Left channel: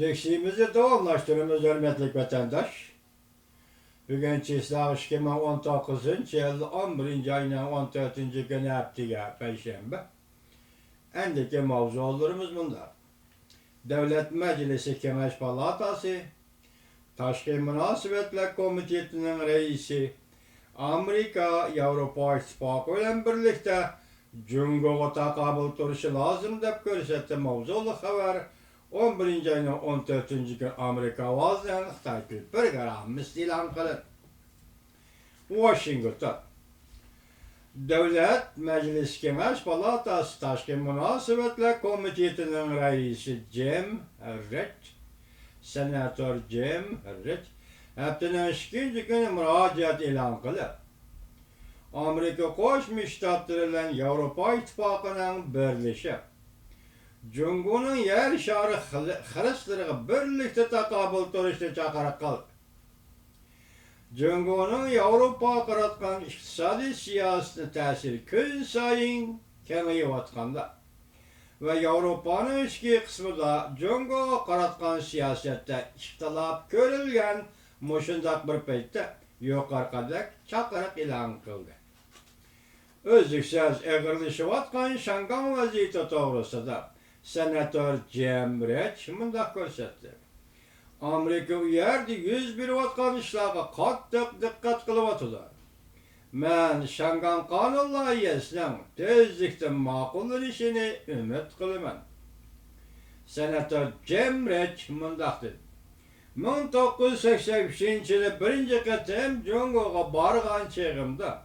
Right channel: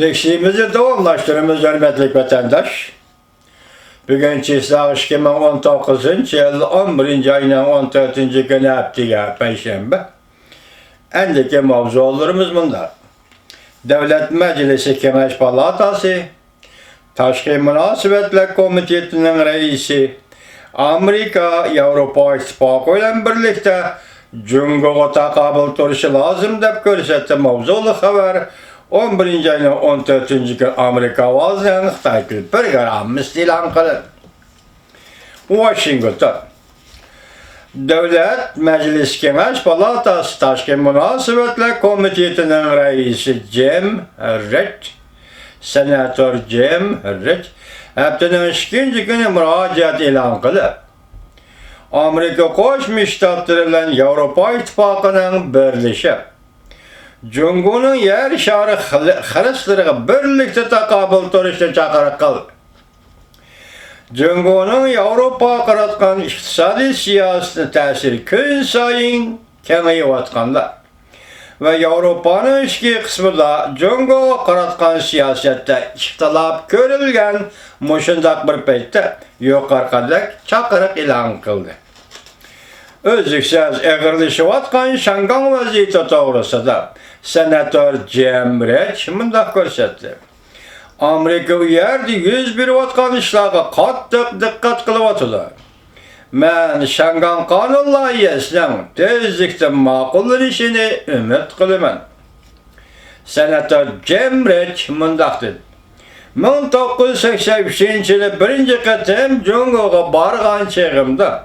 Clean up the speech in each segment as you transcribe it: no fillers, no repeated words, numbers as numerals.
Leksiyimizi davamlaştırımız hürmetli vatandaş. Bugün çislağ 2019 yıl 11. ayının 14. günü haftiga Perşembe. Endiki mavzularımız bunlar. Devlet Meclisi Kemeş Palatası, Taşkı Münasebetler Komitesi'nin reisi, Amerika, Avrupa İttifakı ile birlikte Cumhur'a takabül turuşu lazım deyip görsetti mavzulu haber. 11. ayının 14. gün Amerika vazgeçen Xitay programımız ilan kılındı. Washington. Devlet Meclis Kemeş Palatası Taşkı Münasebetler Komitesi'nin reisi Jim Reed, Senatör Jim Reed, haftanın 2. günü müracaat ilan kılıp, Amerika Koşmuş Ştatları ile Avrupa İttifakı'nın birleşip, Cumhur'un yer şarı Hristiyanlara birlikte takabül turuşu çağrı kıldı. Cumhur'un Avrupa qaratqan iqtisadi siyaseti təsiri gün sayın kengayıvatqanlar ve Avrupa'nın içki kısmında Cumhur'a qaratqan siyasette ixtilaf görülgen muşundaq bir peytde yuqarqadaq çaqırıq ilan kıldı. Özlüksüz eğirleşivatqan Şangan vaziyeti doğrusunda Senatör Jim Reed mundaq görsetdi. Amerika yerdi 101 vatkan işlağı qattiq diqqat qılıvatılar. Men Şangan kanun layihəsinin tezlikte maqullanışını ümit qılıman. Senatör Jim Reed mundaq dedi. 1983 yılı birinci qatim Cumhur'a barğan çağımda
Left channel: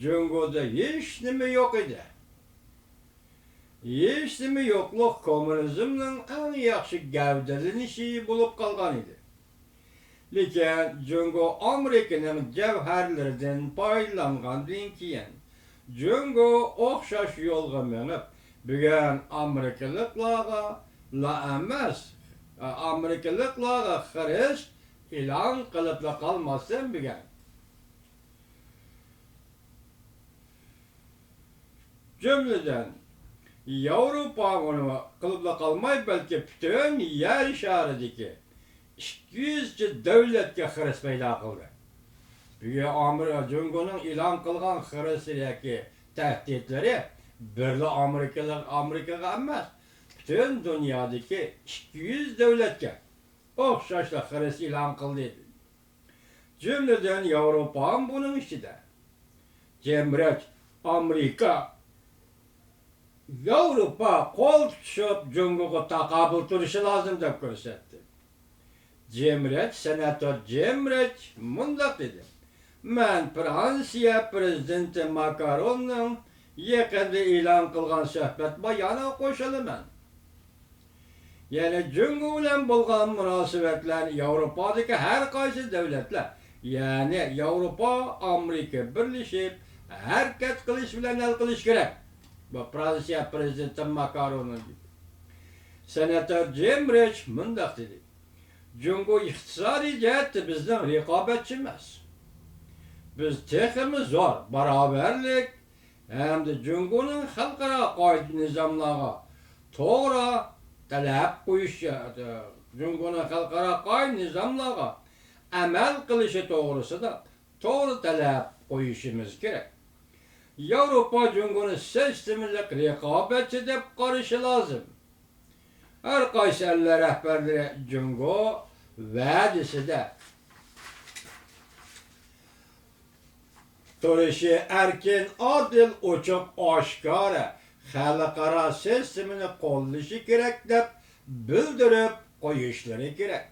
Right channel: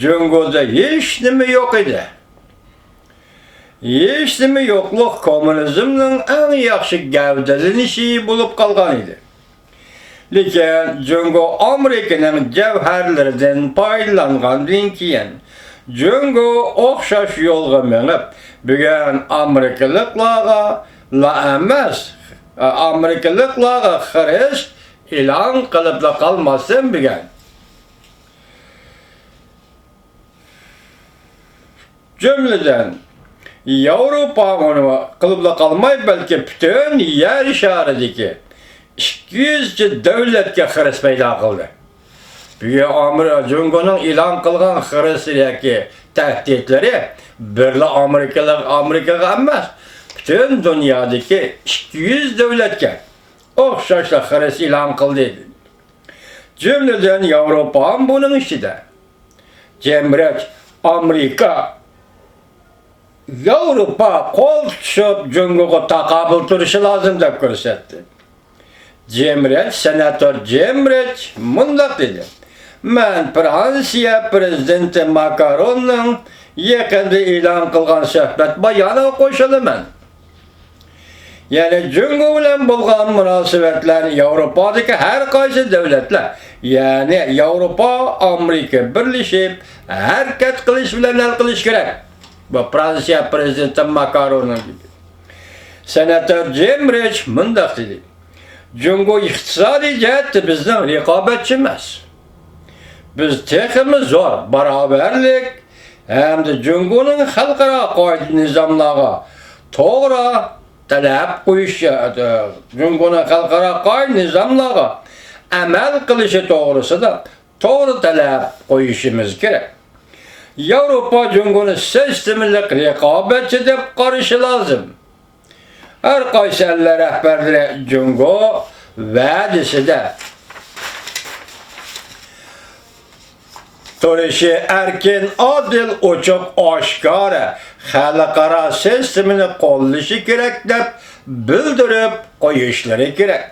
Cumhur'da hiç nime yok idi. Hiç nime yokluk komünizmnin en yaxşı gavdalanışı bulup kalgan idi. Lekin Cumhur Amerika'nın cevherlerden paylangandan keyin Cumhur oxşaş yolga menip bugün Amerikalıklarga la emas Amerikalıklarga xirish ilan qılıp da kalmasın bugün. Cümleden Avrupa onu kılıpla kalmay belki bütün yer şarideki 200 devletke xiriş peyda kıldı. Büyük Amerika Cumhur'un ilan kılgan xirişdeki tehditleri birli Amerika'ga emas, bütün dünyadaki 200 devletke oxşaşla xiriş ilan kıldı. Cümleden Avrupa'nın bunun içinde. Cemret Amerika Avrupa kol tutuşup Cumhur'a takabül turuşu lazım da görsetti. Senatör Jim Reed mundaq dedi. Men Fransiya Prezidenti Macron'un yakında ilan kılgan söhbet bayanı koşulaman. Yani Cumhur bilen bulgan münasebetler Avrupa'daki her kaysi devletler, yani Avrupa, Amerika birleşip hareket kılış bilen el kılış gerek. Bu Fransiya Prezidenti Macron'un gibi. Senatör Jim Reed mundaq dedi. Cumhur iqtisadi cihette bizden rekabetçimiz. Biz tekimiz zor, beraberlik hem de Cumhur'un halkara qoid nizamlarga to'g'ri talab qo'yish, Cumhur'un halkara qoid nizamlarga amal qilishi to'g'risida to'g'ri talab qo'yishimiz kerak. Avrupa Cumhur'un sistemlik rekabetçi deb qarashi lazım. Her qaysi eller rehberleri Cumhur va'dasida turuşu erkin, adil, ochiq, oshkora xalqaro sistemini qo'llashi kerak deb bildirib qo'yishlari kerak.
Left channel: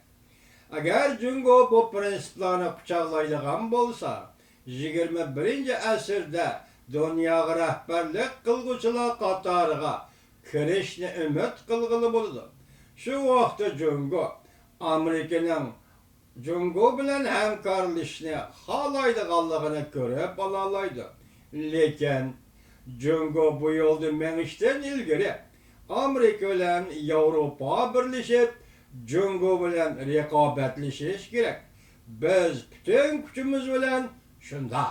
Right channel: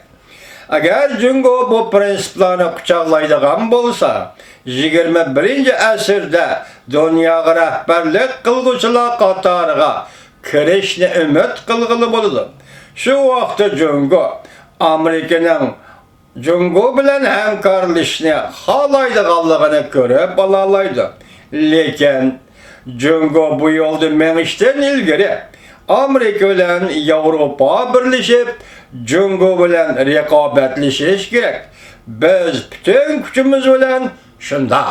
Agar Cumhur bu prinsiplarni quchoqlaydigan bo'lsa, 21. asrda dunyoga rahbarlik qilguvchilar qatoriga kirishni umid qilg'ili bo'ladi. Shu vaqtda Cumhur Amerikaning Cumhur bilan hamkorlashishni xohlaydiganligini ko'rib olaydi. Lekin Cumhur bu yo'lda menishdan ilgari Amerika bilan Avrupa birlashib Cumhur bilan raqobatlashish kerak. Biz bütün kuchimiz bilan shunda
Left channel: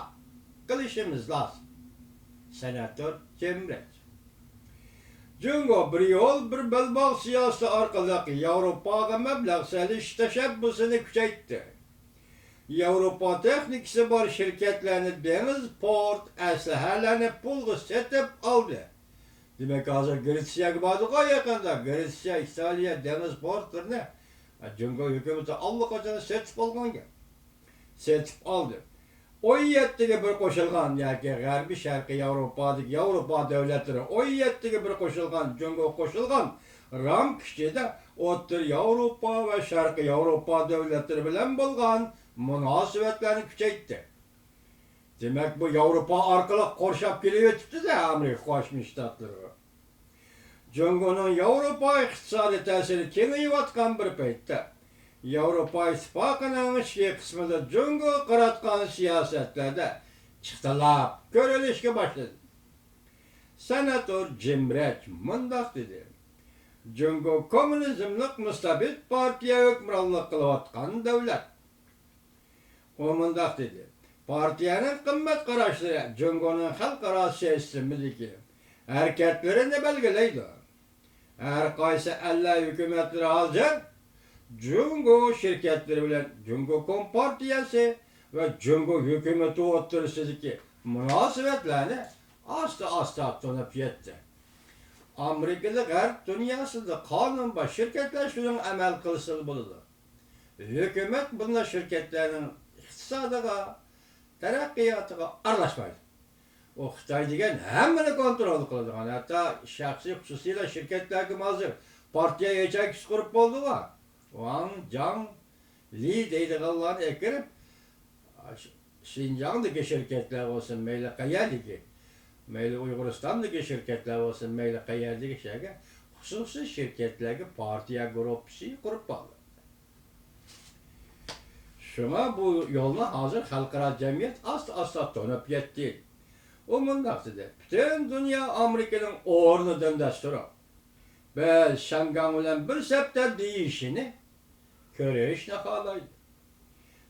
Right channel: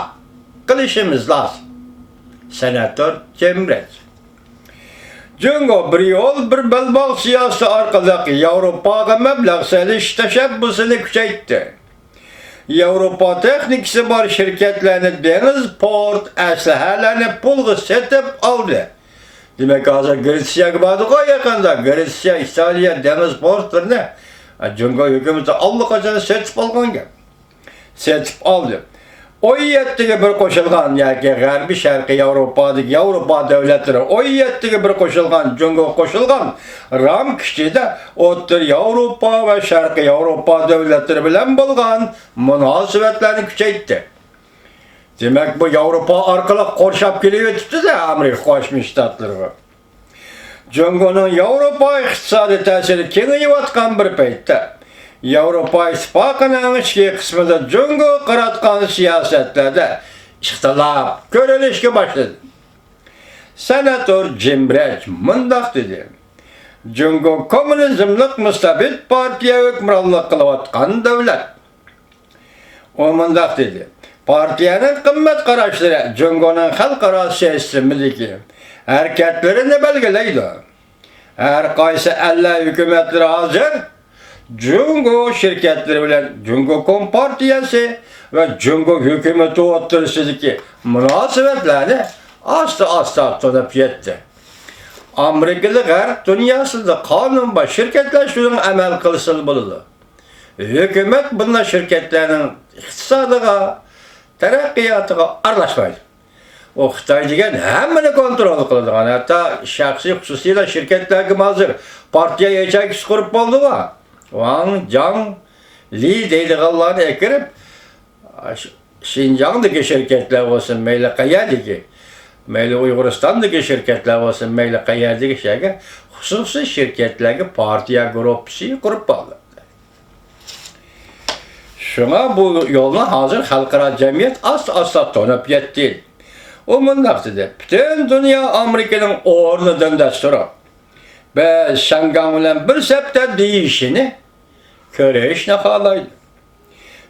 qilishimiz lozim. Senatör Jim Reed. Jungo bir yol bir belbağ siyasi arkalık Avrupa'ya meblağ seliş teşebbüsünü küçeytti. Avrupa teknikisi var şirketlerini deniz port eslehelerini pulgu setip aldı. Demek hazır Gresya vardı o yakında. Gresya, İtalya deniz portlarını Jungo hükümeti allakaçını setip algan gel. Setip aldı. O yettigi bir koşulgan yaki Garbi Şarkı Avrupa'daki Avrupa devletleri o yettigi bir koşulgan Jungo koşulgan ram kişide otur Avrupa ve Şarkı Avrupa devletleri bilen bulgan münasebetlerini küçeytti. Demek bu Avrupa arkalık korşap geliyor tuttu da Amerika Koşmuş Ştatları. Jungo'nun Avrupa iktisadi tesiri kengayıvatkan bir peytte. Avrupa İttifakı'nın içki kısmında Jungo kıratkan siyasetlerde ihtilaf görülüşke başladı. Senatör Jim Branch mındak dedi. Jungo komünizmlik müstabit partiye hükümranlık kılıvatkan devlet. O mındak dedi. Partiyenin kımmet karaşları Jungo'nun halkara siyasımındaki hareketlerini belgeleydi. Her kaysı elle hükümetleri hazır, Jungo şirketleri bilen Jungo Kompartiyası ve Jungo hükümeti oturusundaki münasebetlerini asta tanıp yetti. Amerikalılar dünyasında kanun ve şirketleşmenin emel kılısını buldu. Hükümet bunlar şirketlerinin iktisadına, terakkiyatına arlaşmaydı. O Xitay degan hemmini kontrol qiladigan, hatta shaxsiy xususiyla şirketlerga hazır partiya yechagisi qurib bo'ldi-ku. Wang Jiang Li deydiganlarni ekirib, Xinjiangdagi şirketler olsun, mayli qayerdagi, mayli Uyg'uristondagi şirketler olsun, mayli qayerdagi shaga xususiy şirketlarga partiya gruppasi qurib bo'ldi. Şuna bu yo'lni hozir xalqaro jamiyat asta tanib yetdi. O mındak dedi. Bütün dünya Amerika'nın ordudan desturu. Ve Şangam bir septe değişini köreyişine halaydı.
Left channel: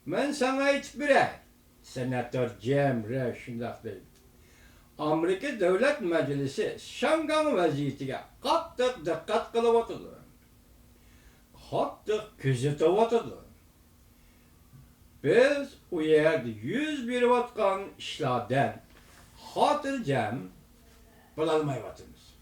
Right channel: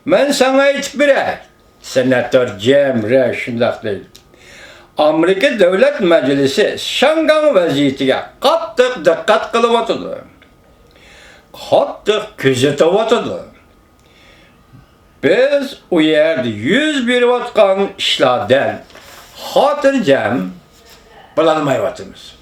Ben sana hiç bire, Senatör Cemre şundak dedi. Amerika Devlet Meclisi Şangam vaziyetiga qattiq dikkat kılıvatıdı. Qattiq küzetivatıdı. Biz o yerde 101 vatkan işlerden hatırcam bulanmayvatımız.